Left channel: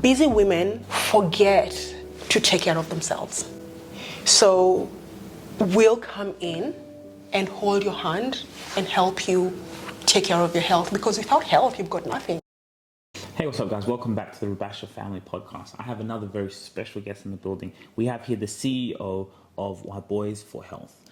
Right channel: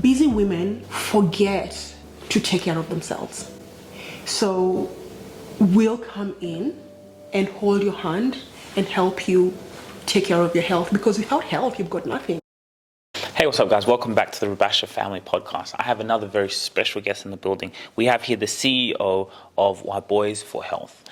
busy women forget to take care of themselves. So we'll come in and hold your hand and help you take care of your health, because without health, you've got nothing. Hey, what's up, guys? Welcome back to the Rubasha Family Podcast. I have another very special guest in the building. We have here the CEO of Waboiz for Health.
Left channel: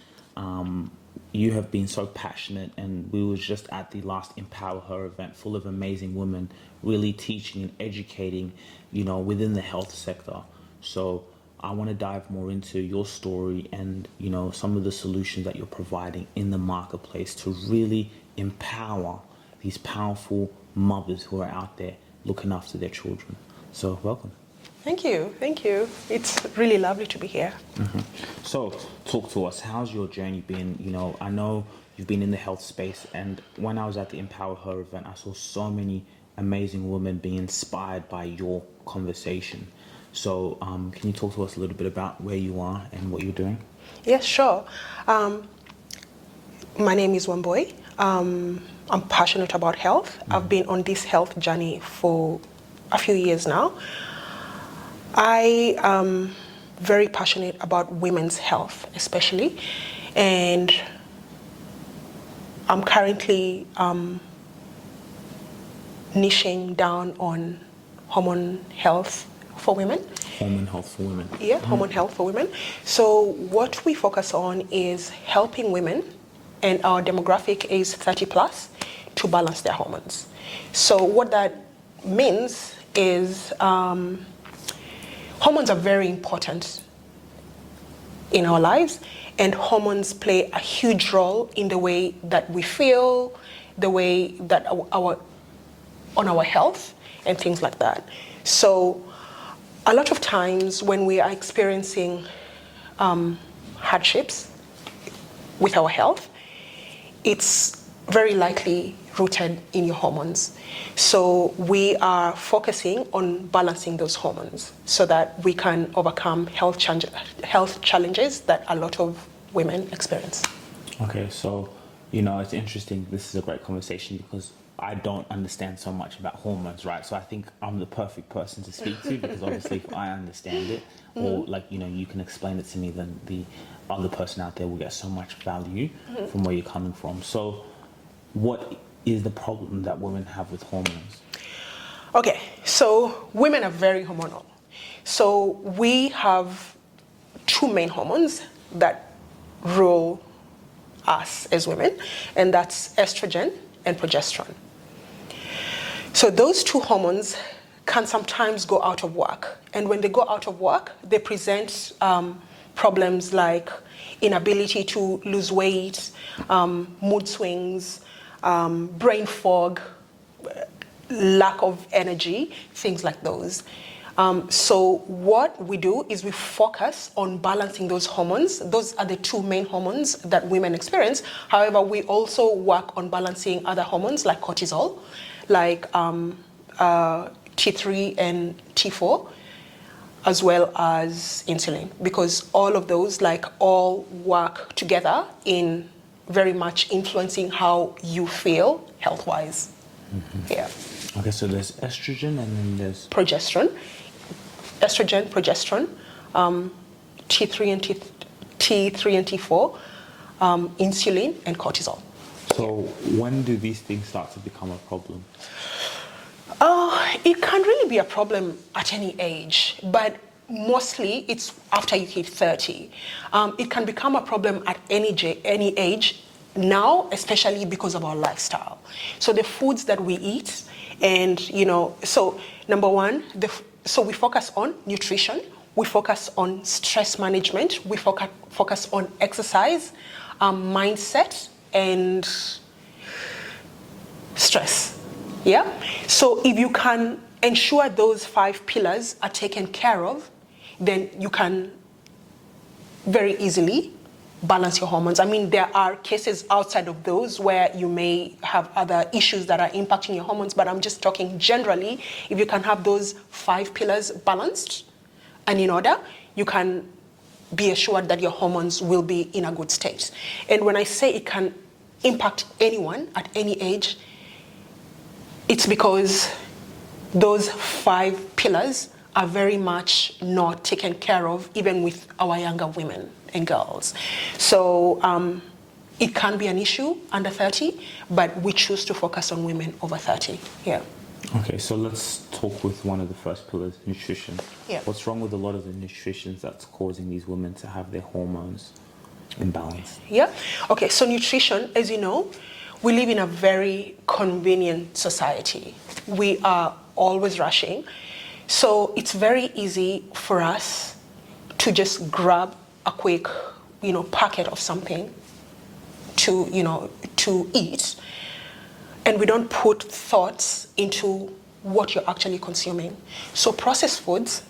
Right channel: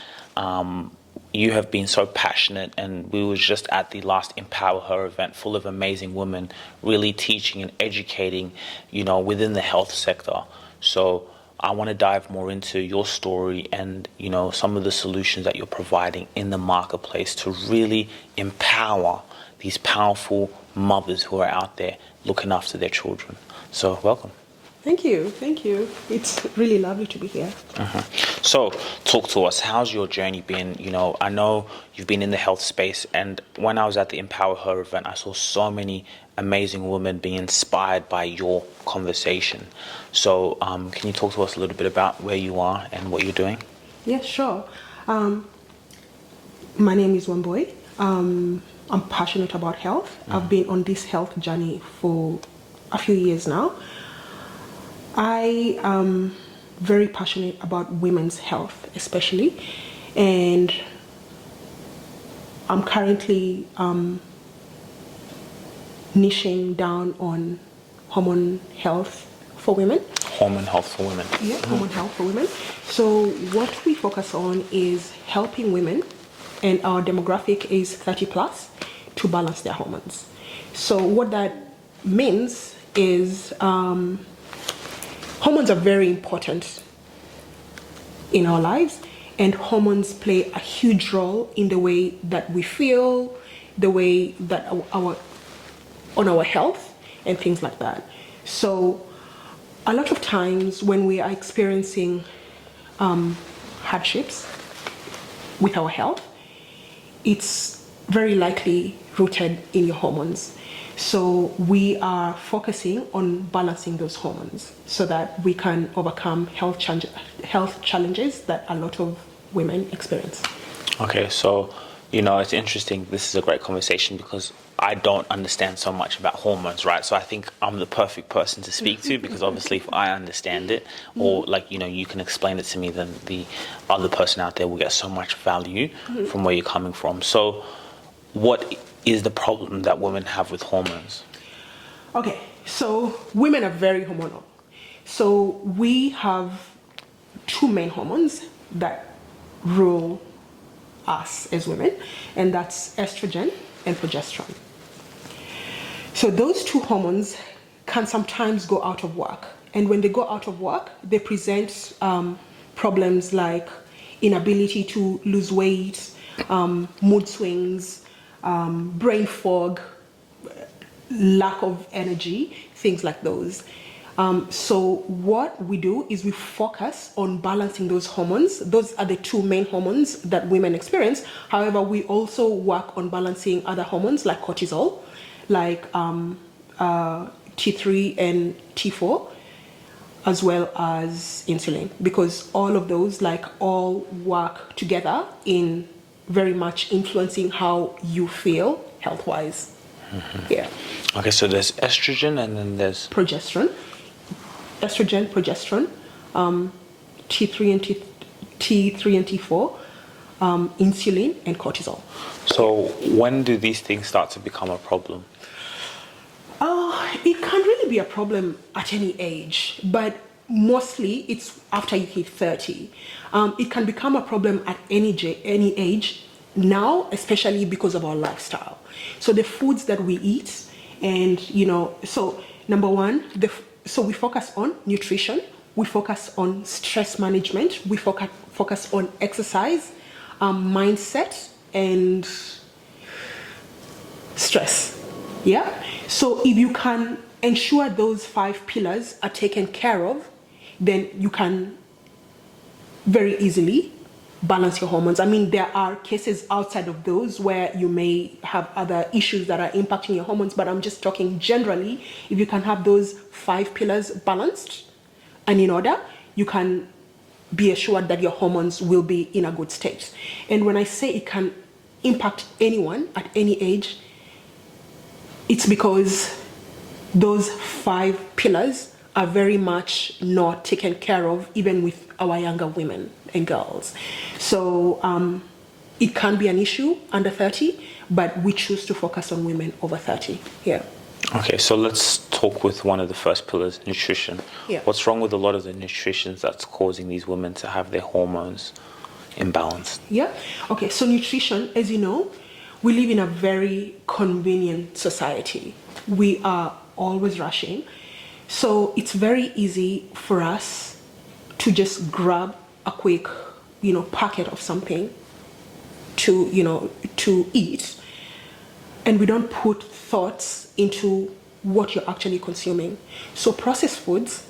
You have been so passionate, and we were just at the last Empower Her event full of amazing women really teaching and educating, within the health sector. So I want to dive more into your story and, some of the solutions that you're providing in the marketplace to really empower these powerful mothers who are out there looking after their children. So welcome. Thank you. It's really lovely to be here. So talk to us. How's your journey been? I know you've been in the health space, and when I was at the Empower Her event, I saw so many amazing women being inspired by your conversation. So can you talk to us a little bit about where you are and what you're doing? Yes, sure. My name is Wamboi. I'm passionate about health. I've been on this health journey for a few years now. I am very passionate about women's health, especially, and I'm currently niching down on hormone health for women. Hormone health for women. Yeah, hormone health for women. So what we focus on is helping women, and our demographic is 30 plus, to balance their hormones. So what that means is hormones are very important in our lives, and hormones play a huge role in the way that we feel, the way that our health, and things like that. So a lot of times when we are experiencing hardships with our health, it's very likely rooted in your hormones. So we are focusing on balancing those hormones so that we can overcome health challenges that a lot of women experience. Okay, so, it's interesting. This is a great conversation because I don't understand so much about hormones, right? So I think I'm the perfect person to speak to, because obviously if I understand it, or you can explain it to me, then the other person out there will get so much value from where you're coming from. So what is the problem that women have with hormones? Okay, so women are very hormonal. So we have two main hormones that rule us as women, and that's estrogen and progesterone. So those two hormones can sometimes go out of whack, and when they go out of whack, they present problems like inability to lose weight, mood swings, brain fog, lack of energy, things like those. So what we do is we focus on balancing those hormones. Those are the two main hormones that women experience. However, we also work on balancing other hormones like cortisol, like T3 and T4, as well as insulin, because all of those all work together in very much influencing how you feel health-wise. Yeah. Okay, so there's estrogen and then there's progesterone. Estrogen, progesterone, T3 and T4, insulin, and cortisol. So when do these things start to become a problem? It can really be a problem at any age, but mostly it's after you hit 30. It can become a problem at any age now, especially because of our lifestyle. So the foods that we eat, and so number one, so we focus on nutrition, we focus on stress management, we focus on exercise, mindset, and stress. Yeah. So if you can ensure those 5 pillars are taken care of, then you can very easily balance your hormones. I mean, there are cases outside of those where you may have other issues that are impacting your hormones, but I'm just talking generally. If you can have those 5 pillars balanced and in order, you can be assured that your hormones will be in a good state. And when I say it can impact anyone at any age, it's because those 5 pillars are very much not taken care of, even with our younger women and girls. So it can be an issue under 30, but we choose to focus on women over 30. Yeah. Okay, so let's talk with one of the first pillars, nutrition. Yeah. What's wrong with a lot of the nutrition that's causing these women to have their hormones imbalanced? Yeah. Okay, so nutrition, as you know, we live in a very convenient society. We are always rushing. So it's very easy for us to just grab a quick, packet of something to eat. And we don't put thoughts into what you're actually consuming. So processed foods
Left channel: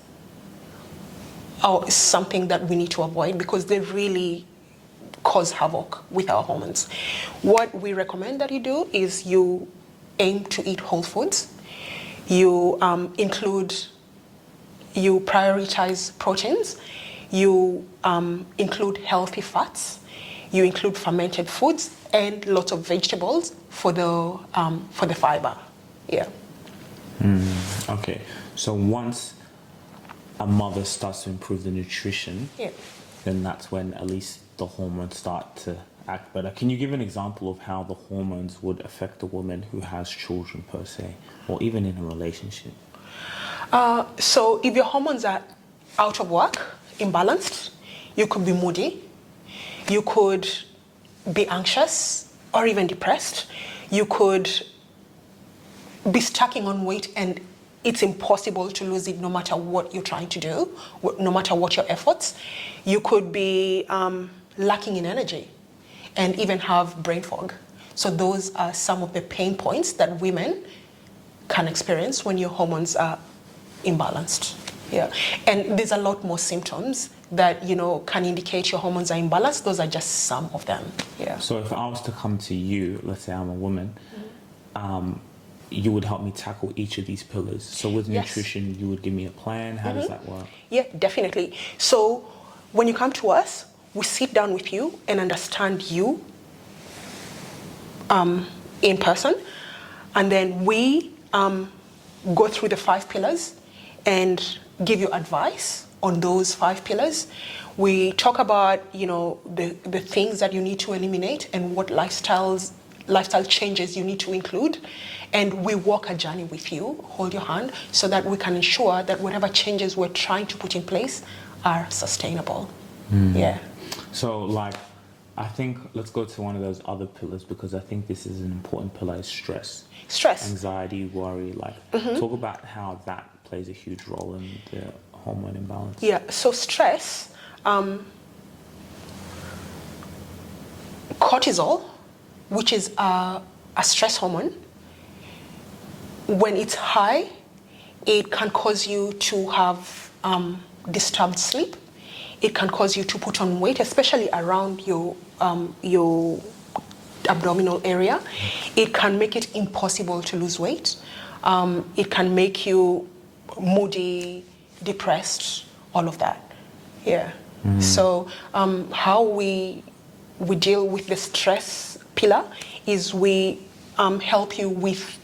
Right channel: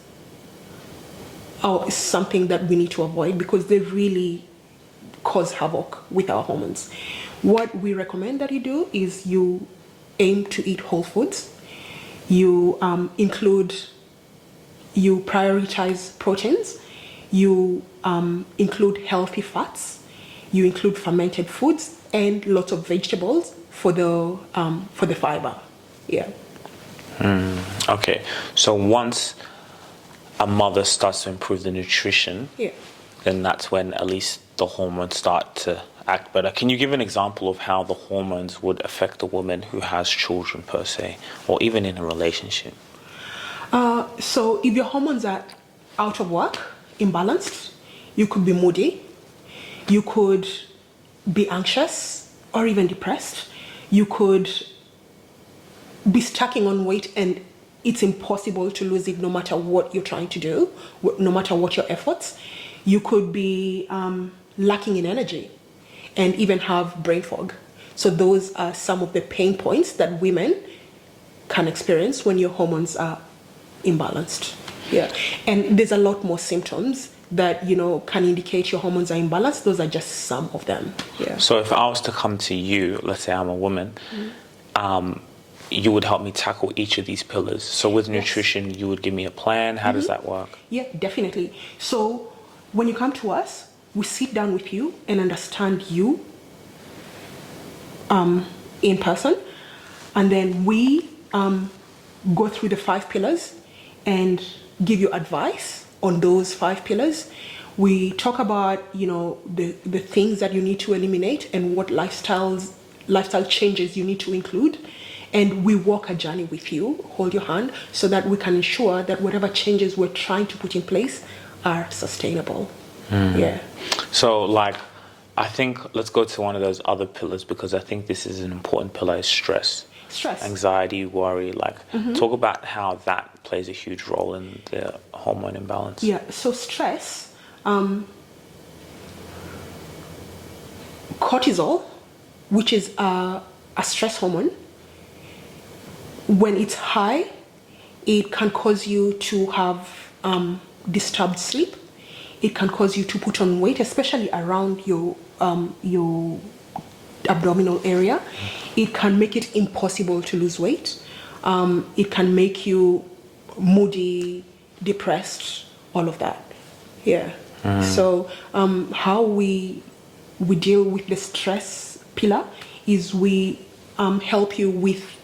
are something that we need to avoid because they really cause havoc with our hormones. What we recommend that you do is you aim to eat whole foods. You you prioritize proteins. You include healthy fats. You include fermented foods and lots of vegetables for the fiber. Yeah. Okay. So once a mother starts to improve the nutrition, then that's when at least the hormones start to act better. Can you give an example of how the hormones would affect a woman who has children per se, or even in a relationship? So if your hormones are out of work, imbalanced, you could be moody, you could be anxious or even depressed, you could be stacking on weight and it's impossible to lose it no matter what you're trying to do, no matter what your efforts. You could be lacking in energy and even have brain fog. So those are some of the pain points that women can experience when your hormones are imbalanced. Yeah. And there's a lot more symptoms that, can indicate your hormones are imbalanced. Those are just some of them. Yeah. So if I was to come to you, let's say I'm a woman, you would help me tackle each of these pillars. So with nutrition, you would give me a plan. How does that work? Yeah, definitely. So when you come to us, we sit down with you and understand you in person. And then we go through the 5 pillars and give you advice on those 5 pillars. We talk about, the things that you need to eliminate and what lifestyle changes you need to include. And we walk a journey with you, hold your hand, so that we can ensure that whatever changes we're trying to put in place are sustainable. Yeah. So I think let's go to one of those other pillars because I think this is an important pillar, is stress. Anxiety, worry, talk about how that plays a huge role in the hormone imbalance. Yeah, so stress, cortisol, which is a stress hormone, when it's high, it can cause you to have disturbed sleep. It can cause you to put on weight, especially around your abdominal area. It can make it impossible to lose weight. It can make you moody, depressed, all of that. Yeah. So how we deal with the stress pillar is we help you with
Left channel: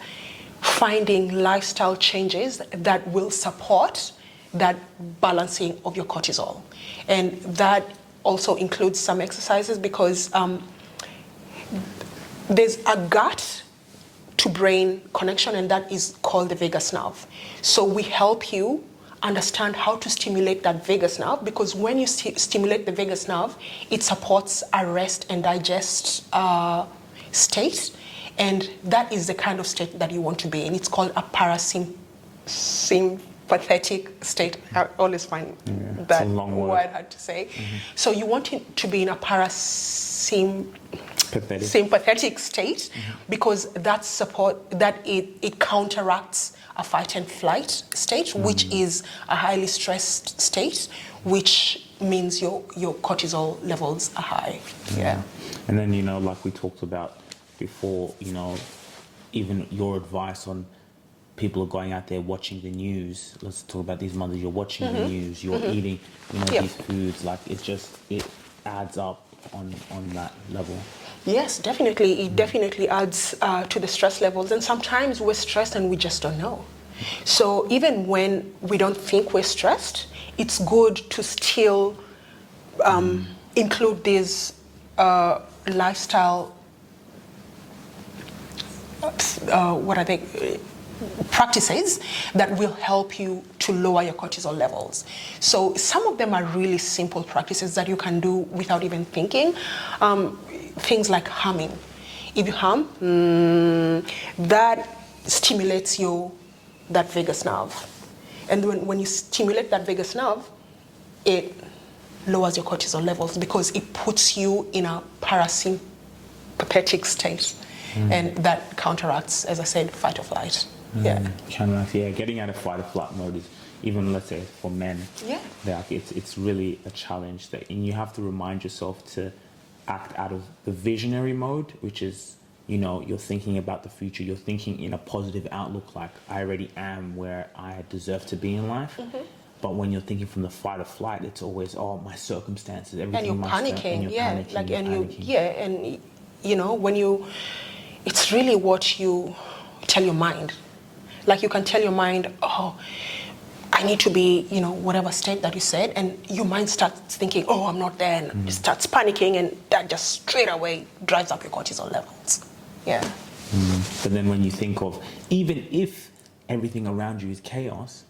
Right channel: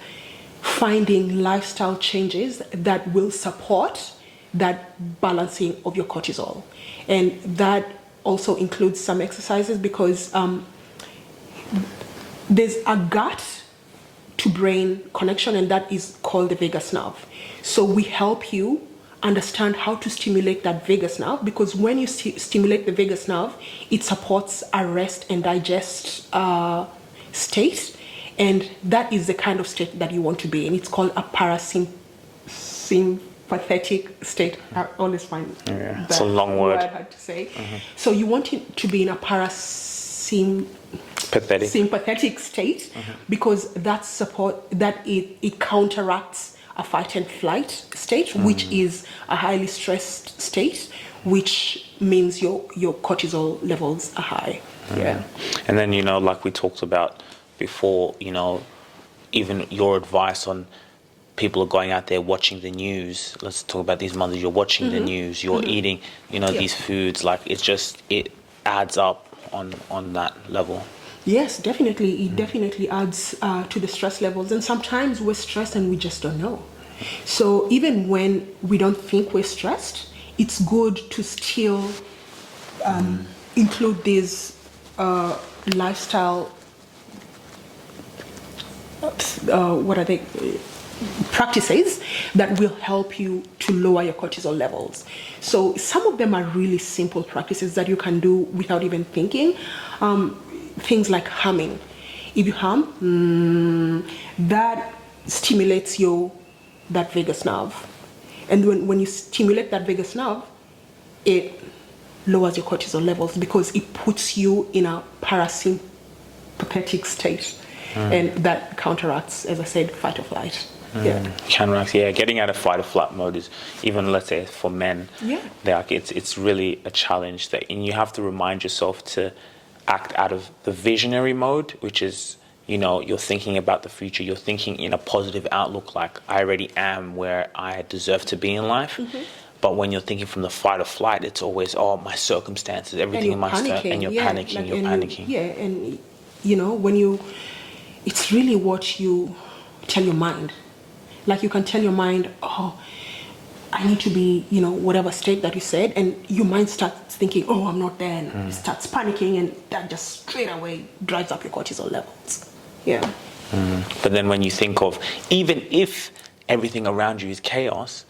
finding lifestyle changes that will support that balancing of your cortisol. And that also includes some exercises because there's a gut to brain connection, and that is called the vagus nerve. So we help you understand how to stimulate that vagus nerve, because when you stimulate the vagus nerve, it supports a rest and digest state, and that is the kind of state that you want to be in. It's called a parasympathetic state. I always find it's a long word hard to say. So you want it to be in a sympathetic state, because it counteracts a fight and flight state, which is a highly stressed state, which means your cortisol levels are high. Yeah. And then, like we talked about before, even your advice on people are going out there watching the news. Let's talk about these mothers. You're watching the news, you're eating, these foods, it adds up on that level. Yes, definitely. It definitely adds to the stress levels. And sometimes we're stressed and we just don't know. So even when we don't think we're stressed, it's good to still include these lifestyle, practices that will help you to lower your cortisol levels. So some of them are really simple practices that you can do without even thinking. Things like humming. If you hum, that stimulates that vagus nerve. And when you stimulate that vagus nerve, it lowers your cortisol levels because it puts you in a parasympathetic state. And that counteracts, as I said, fight or flight. Counteracts, getting out of fight or flight mode is, even let's say for men, it's really a challenge, and you have to remind yourself to act out of the visionary mode, which is, you're thinking about the future, you're thinking in a positive outlook, like I already am where I deserve to be in life. But when you're thinking from the fight or flight, it's always, my circumstances, everything in my stuff, and you're panicking. It's really what you tell your mind. Like you can tell your mind, I need to be, whatever state that you said, and your mind starts thinking, I'm not there, and it starts panicking, and that just straight away drives up your cortisol levels. But then when you think of, even if everything around you is chaos,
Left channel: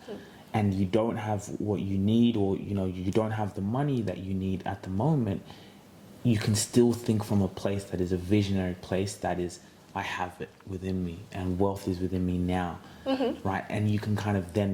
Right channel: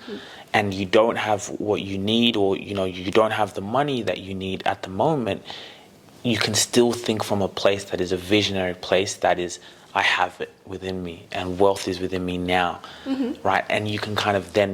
and you don't have what you need, or you don't have the money that you need at the moment, you can still think from a place that is a visionary place, that is, I have it within me, and wealth is within me now, right? And you can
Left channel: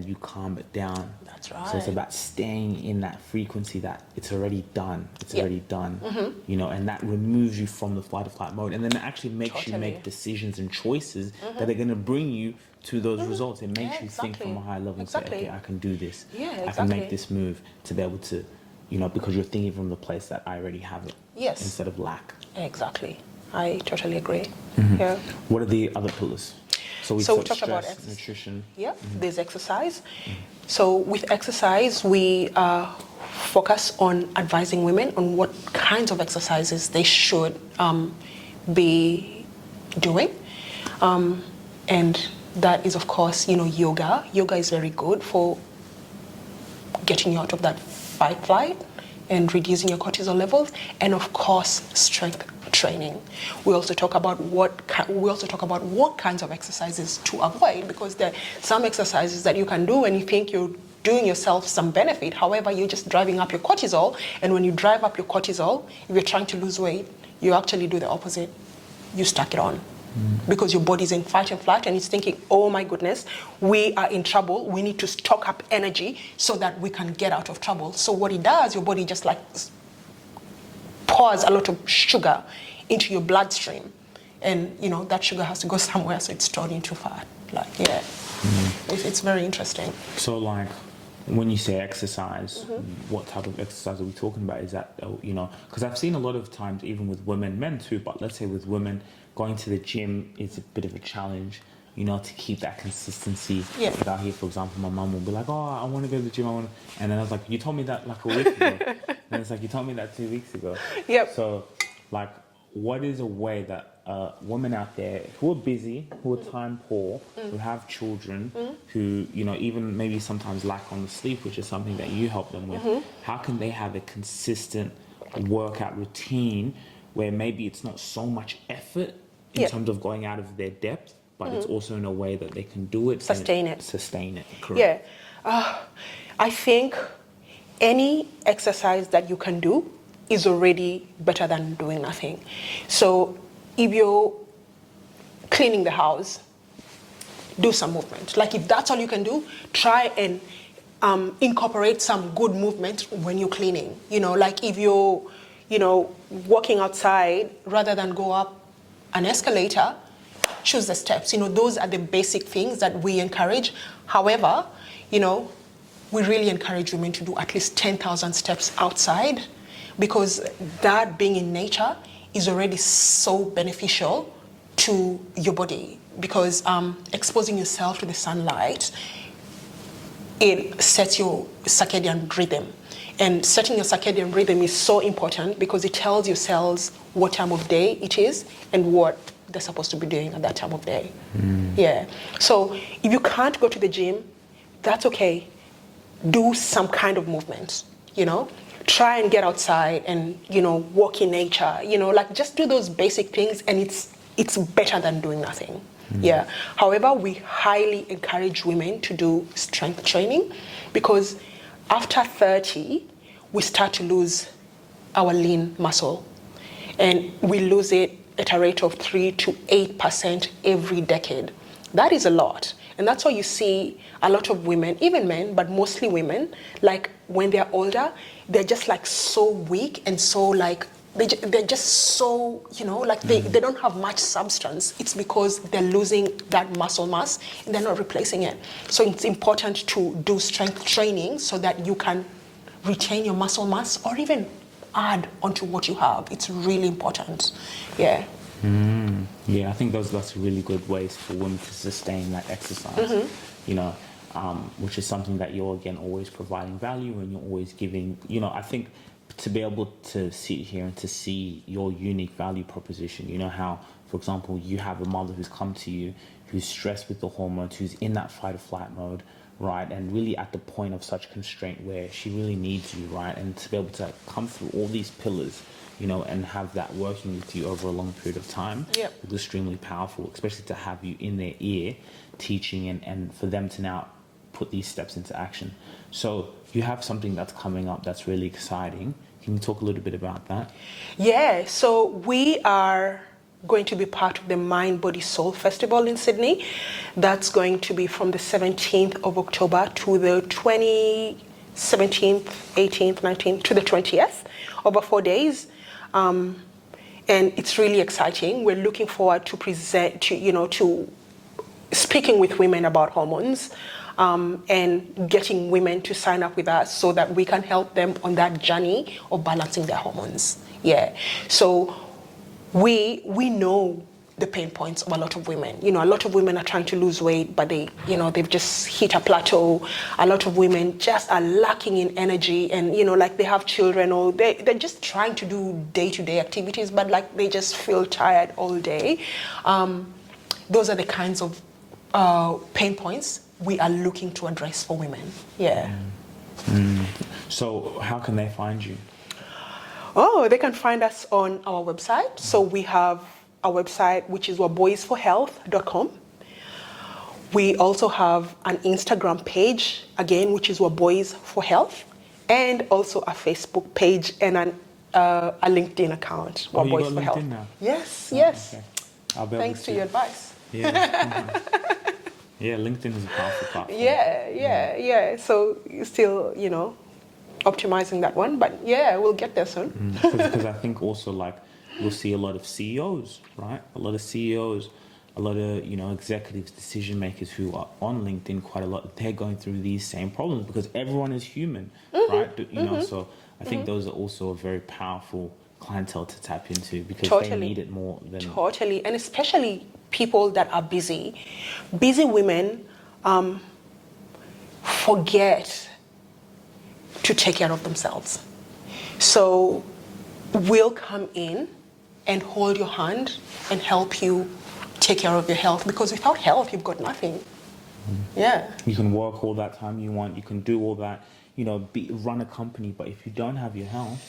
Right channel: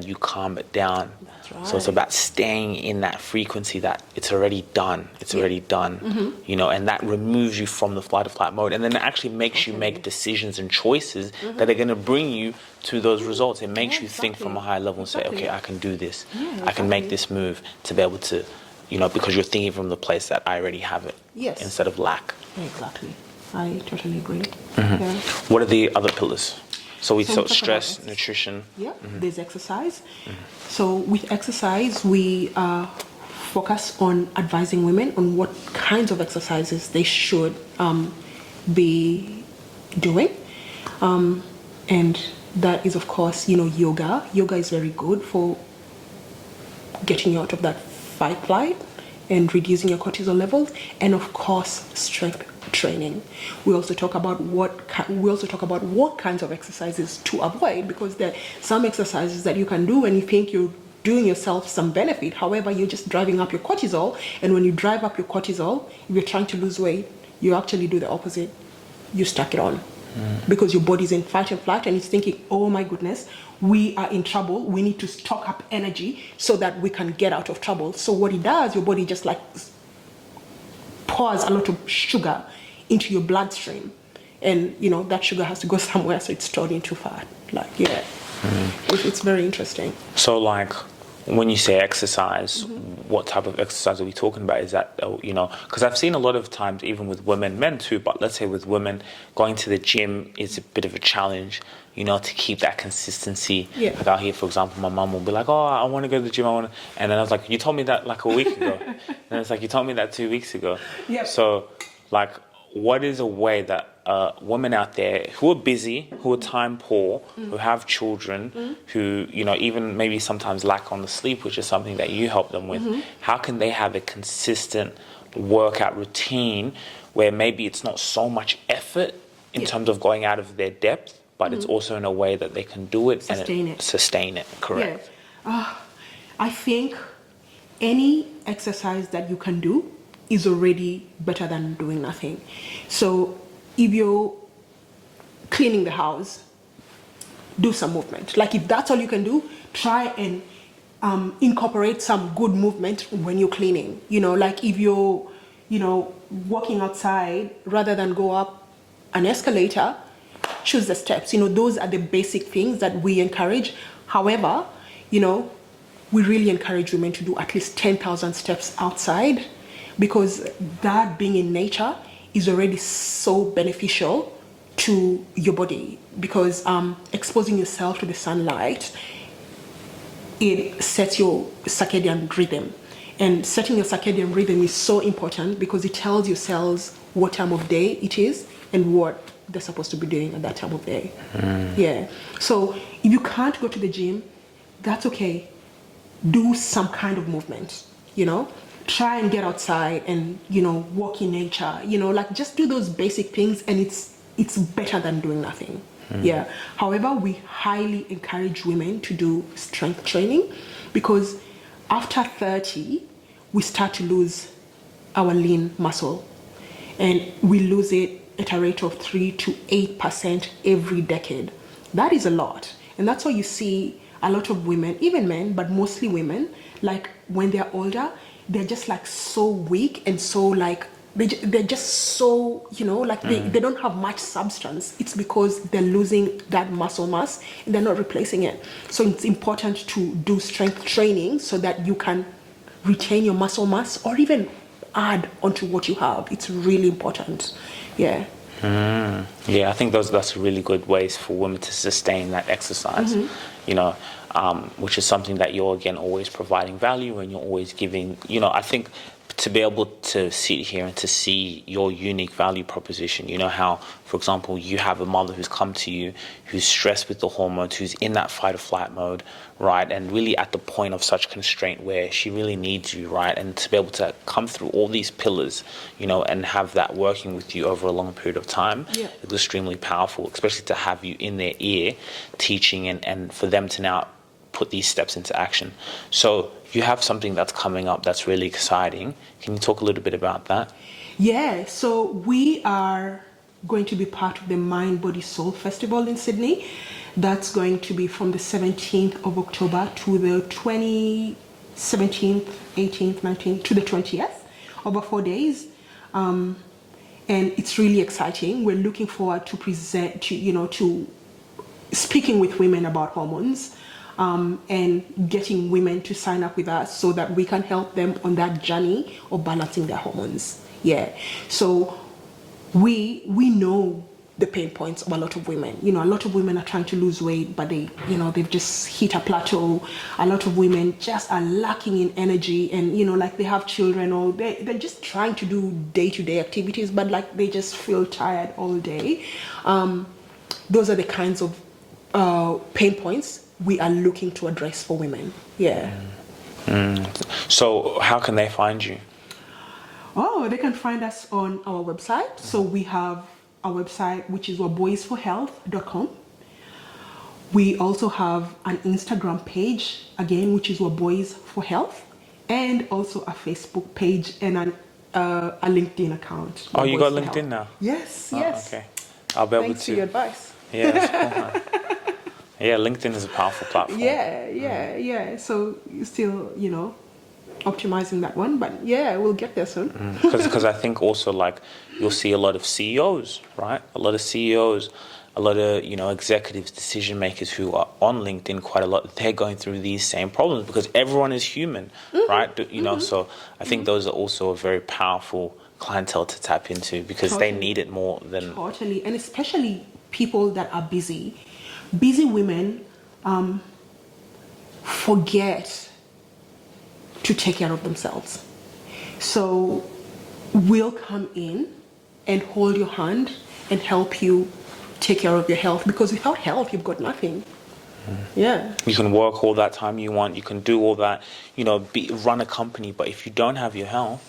you calm it down. That's right. So it's about staying in that frequency that it's already done. It's already done, and that removes you from the flight or flight mode, and then it actually makes you make decisions and choices that are going to bring you to those results. It makes you think from a higher level and say, okay, I can do this. I can make this move to be able to, because you're thinking from the place that I already have it, instead of lack. Exactly. I totally agree. What are the other pillars? So we talk stress, nutrition. There's exercise. So with exercise, we focus on advising women on what kinds of exercises they should be doing. And that is, of course, yoga. Yoga is very good for getting you out of that fight flight and reducing your cortisol levels. And of course, strength training. We also talk about what kinds of exercises to avoid, because there are some exercises that you can do and you think you're doing yourself some benefit. However, you're just driving up your cortisol, and when you drive up your cortisol, if you're trying to lose weight, you actually do the opposite. You stack it on. Because your body's in fight and flight, and it's thinking, oh my goodness, we are in trouble, we need to stock up energy so that we can get out of trouble. So what it does, your body just pours a lot of sugar into your bloodstream, and that sugar has to go somewhere, so it's stored into fat. It's very interesting. So when you say exercise, what type of exercise are we talking about? Is that, because I've seen a lot of times, even with women, men too, but let's say with women, going to the gym is a bit of a challenge, to keep that consistency. Like out here, for example, my mum will be like, I want to go to the gym, and then I was like, you told me that a week ago. And it's like, you told me that 2 weeks ago. So, what is a way that women out there who are busy, who are time poor, who have children, who, even maybe sometimes lack on the sleep, which is something that you help them with, how can they have a consistent workout routine where maybe it's not so much effort in terms of going out of their depth, but it's also in a way that they can do it and sustain it, correct? I think any exercise that you can do is already better than doing nothing. So if you're cleaning the house, do some movement. If that's all you can do, try and incorporate some good movement when you're cleaning. If you're, walking outside, rather than go up an escalator, choose the steps. Those are the basic things that we encourage. However, we really encourage women to do at least 10,000 steps outside, because that being in nature is already so beneficial to your body, because exposing yourself to the sunlight, it sets your circadian rhythm. And setting your circadian rhythm is so important because it tells your cells what time of day it is and what they're supposed to be doing at that time of day. Yeah. So if you can't go to the gym, that's okay. Do some kind of movement, Try and get outside and, walk in nature, like just do those basic things, and it's better than doing nothing. Yeah. However, we highly encourage women to do strength training, because after 30, we start to lose our lean muscle, and we lose it at a rate of 3 to 8% every decade. That is a lot. And that's why you see a lot of women, even men, but mostly women, like when they're older, they're just like so weak and so like, they're just so, they don't have much substance. It's because they're losing that muscle mass and they're not replacing it. So it's important to do strength training so that you can retain your muscle mass or even add onto what you have. It's really important. Yeah. Yeah, I think that's really good ways for women to sustain that exercise, which is something that you're, again, always providing value, and you're always giving, I think to be able to sit here and to see your unique value proposition, how, for example, you have a mother who's come to you, who's stressed with the hormones, who's in that fight or flight mode, right? And really at the point of such constraint where she really needs you, right? And to be able to come through all these pillars, and have that working with you over a long period of time, is extremely powerful, especially to have you in their ear teaching and for them to now put these steps into action. So you have something that's coming up that's really exciting. Can you talk a little bit about that? Yeah, so we are going to be part of the Mind, Body, Soul Festival in Sydney. That's going to be from the 17th of October to the 17th, 18th, 19th to the 20th, over 4 days. And it's really exciting. We're looking forward to to speaking with women about hormones, and getting women to sign up with us so that we can help them on that journey of balancing their hormones. Yeah. So we know the pain points of a lot of women. A lot of women are trying to lose weight, but they've just hit a plateau. A lot of women just are lacking in energy, and like they have children, or they're just trying to do day-to-day activities, but like they just feel tired all day. Those are the kinds of pain points we are looking to address for women. Yeah. So how can they find you? Oh, they can find us on our website. So we have a website which is waboizforhealth.com. We also have an Instagram page, again, which is Waboiz for Health, and also a Facebook page and a LinkedIn account. Oh, you got Waboiz for LinkedIn Health. now? Yes, Oh, yes. okay. I'll be able Thanks to. for your advice. Yeah, that's cool, huh? Yeah, LinkedIn is a powerful platform. Yeah. So you're still, optimizing that one, but yeah, we'll get there soon. Because I think also, like, you'll see a lot of CEOs, right? A lot of CEOs, a lot of, executives, decision makers who are on LinkedIn quite a lot. They're going through these same problems because everyone is human, right? So I think those are also a very powerful clientele to tap into because they need it more than... Totally, and especially people that are busy. Busy women forget to take care of themselves. So we'll come in and hold your hand and help you take care of your health, because without health, you've got nothing. Yeah. You can work all that time you want. You can do all that, run a company. But if you don't have your health,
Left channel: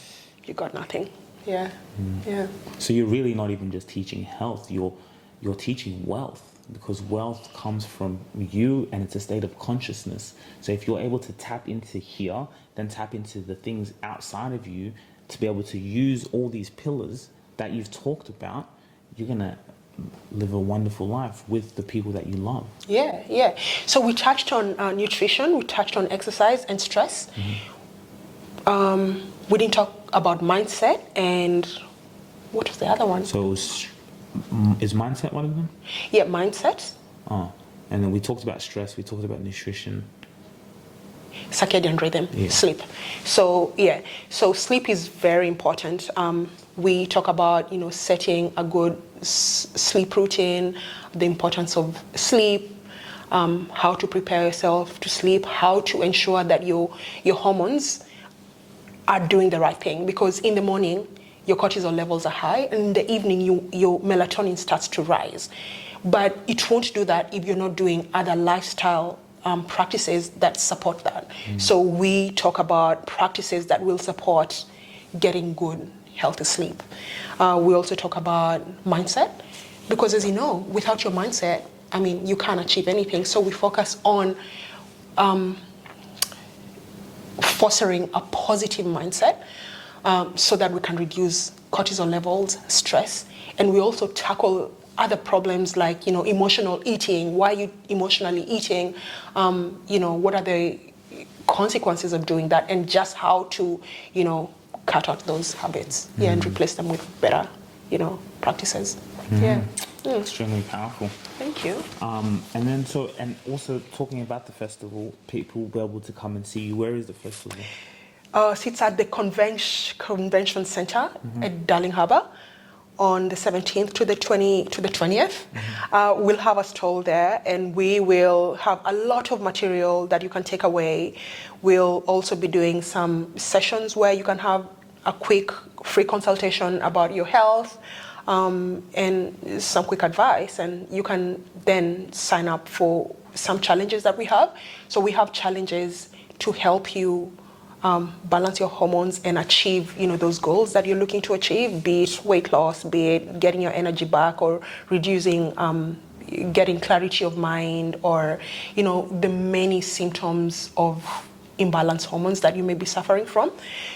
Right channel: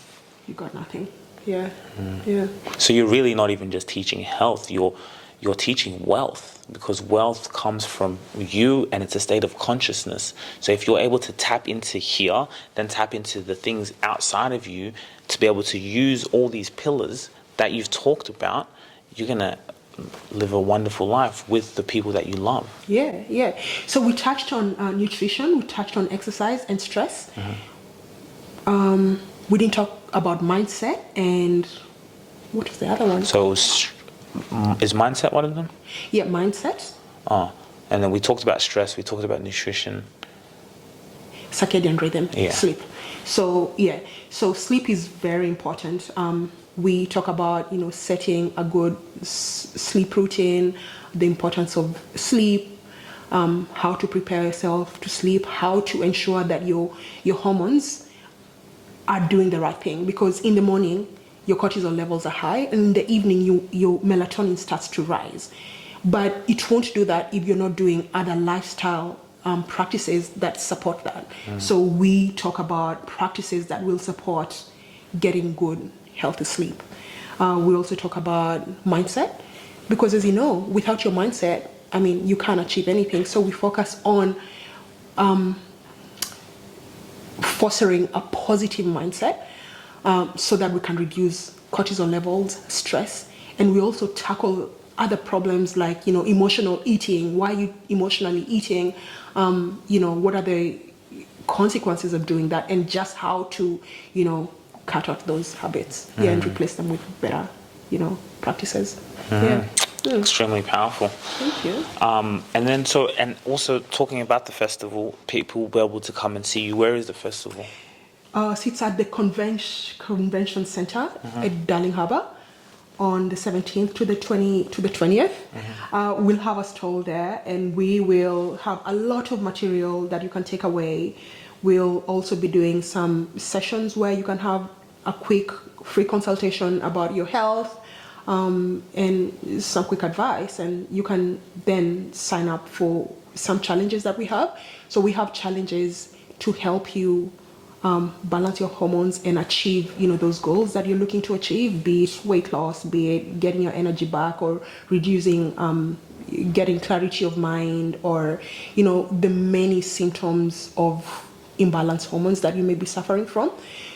you got nothing. Yeah. So you're really not even just teaching health. You're teaching wealth, because wealth comes from you, and it's a state of consciousness. So if you're able to tap into here, then tap into the things outside of you to be able to use all these pillars that you've talked about, you're gonna live a wonderful life with the people that you love. Yeah. So we touched on nutrition, we touched on exercise and stress. We didn't talk about mindset, and what was the other one? So is mindset one of them? Yeah, mindset. Oh, and then we talked about stress, we talked about nutrition. Circadian rhythm, sleep. So sleep is very important. We talk about setting a good sleep routine, the importance of sleep, how to prepare yourself to sleep, how to ensure that your hormones are doing the right thing, because in the morning your cortisol levels are high, and in the evening your melatonin starts to rise. But it won't do that if you're not doing other lifestyle practices that support that. So we talk about practices that will support getting good, healthy sleep. We also talk about mindset, because as you know, without your mindset, I mean, you can't achieve anything. So we focus on fostering a positive mindset so that we can reduce cortisol levels, stress, and we also tackle other problems like, emotional eating. Why are you emotionally eating? What are the consequences of doing that, and just how to, cut out those habits and replace them with better, practices. Extremely powerful. Thank you. And also talking about the festival, people will be able to come and see you. Where is the festival? It's at the Convention Center at Darling Harbour on the 17th to the 20th. We'll have a stall there, and we will have a lot of material that you can take away. We'll also be doing some sessions where you can have a quick free consultation about your health, and some quick advice, and you can then sign up for some challenges that we have. So we have challenges to help you balance your hormones and achieve, those goals that you're looking to achieve, be it weight loss, be it getting your energy back, or reducing, getting clarity of mind, or, the many symptoms of imbalanced hormones that you may be suffering from.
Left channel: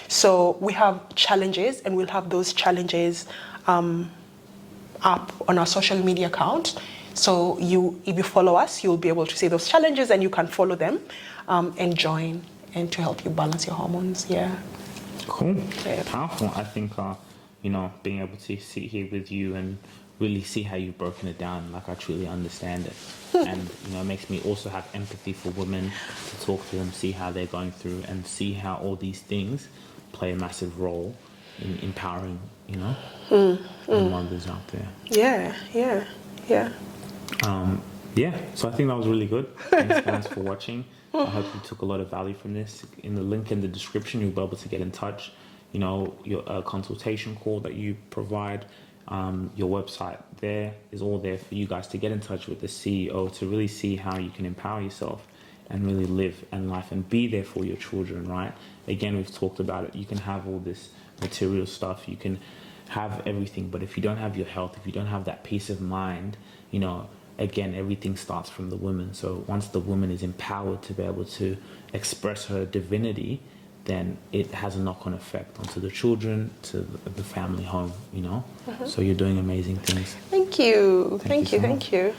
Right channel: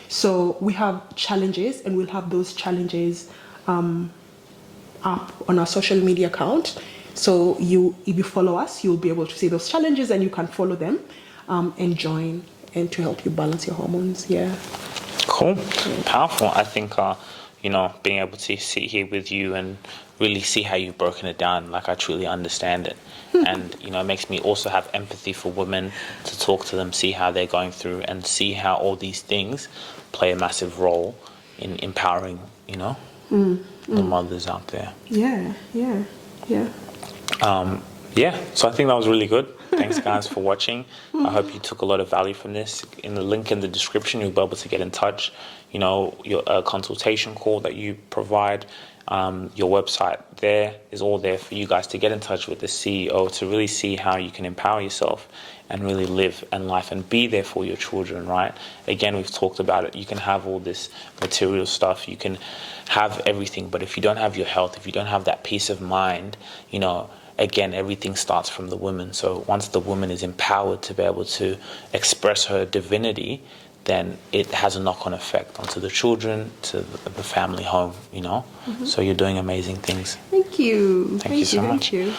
So we have challenges, and we'll have those challenges up on our social media account. So if you follow us, you'll be able to see those challenges, and you can follow them and join, and to help you balance your hormones. Cool. Powerful. I think being able to sit here with you and really see how you've broken it down, like I truly understand it. And it makes me also have empathy for women, to talk to them, see how they're going through, and see how all these things play a massive role in empowering the mothers out there. So I think that was really good. Thanks, guys, for watching. I hope you took a lot of value from this. In the link in the description, you'll be able to get in touch. Your consultation call that you provide, your website there is all there for you guys to get in touch with the CEO, to really see how you can empower yourself and really live and life and be there for your children, right? Again, we've talked about it. You can have all this material stuff. You can have everything. But if you don't have your health, if you don't have that peace of mind, again, everything starts from the woman. So once the woman is empowered to be able to express her divinity, then it has a knock-on effect onto the children, to the family home, So you're doing amazing things. Thank you. Thank you so much. Thank you.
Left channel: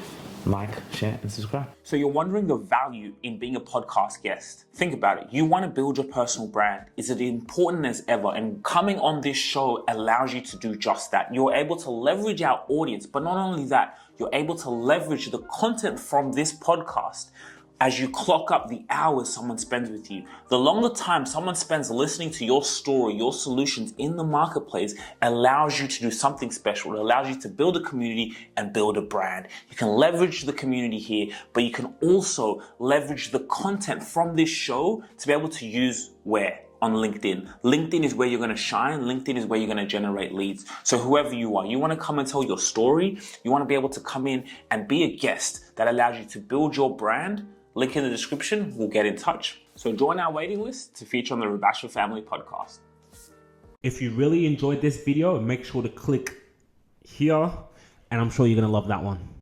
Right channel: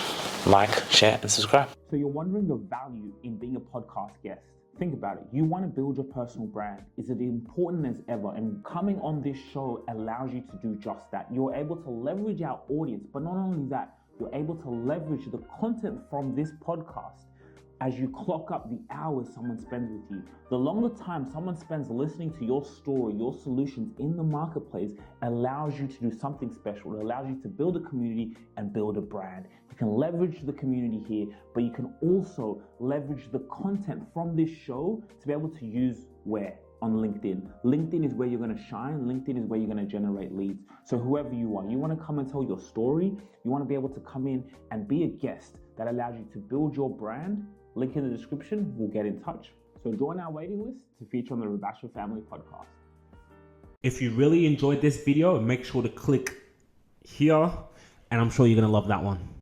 Like, share, and subscribe. So you're wondering the value in being a podcast guest. Think about it. You want to build your personal brand. Is it important as ever? And coming on this show allows you to do just that. You're able to leverage our audience, but not only that, you're able to leverage the content from this podcast as you clock up the hours someone spends with you. The longer time someone spends listening to your story, your solutions in the marketplace, allows you to do something special. It allows you to build a community and build a brand. You can leverage the community here, but you can also leverage the content from this show to be able to use where? On LinkedIn. LinkedIn is where you're going to shine. LinkedIn is where you're going to generate leads. So whoever you are, you want to come and tell your story. You want to be able to come in and be a guest that allows you to build your brand. Link in the description. We'll get in touch. So join our waiting list to feature on the Rubasha Family Podcast. If you really enjoyed this video, make sure to click here, and I'm sure you're going to love that one.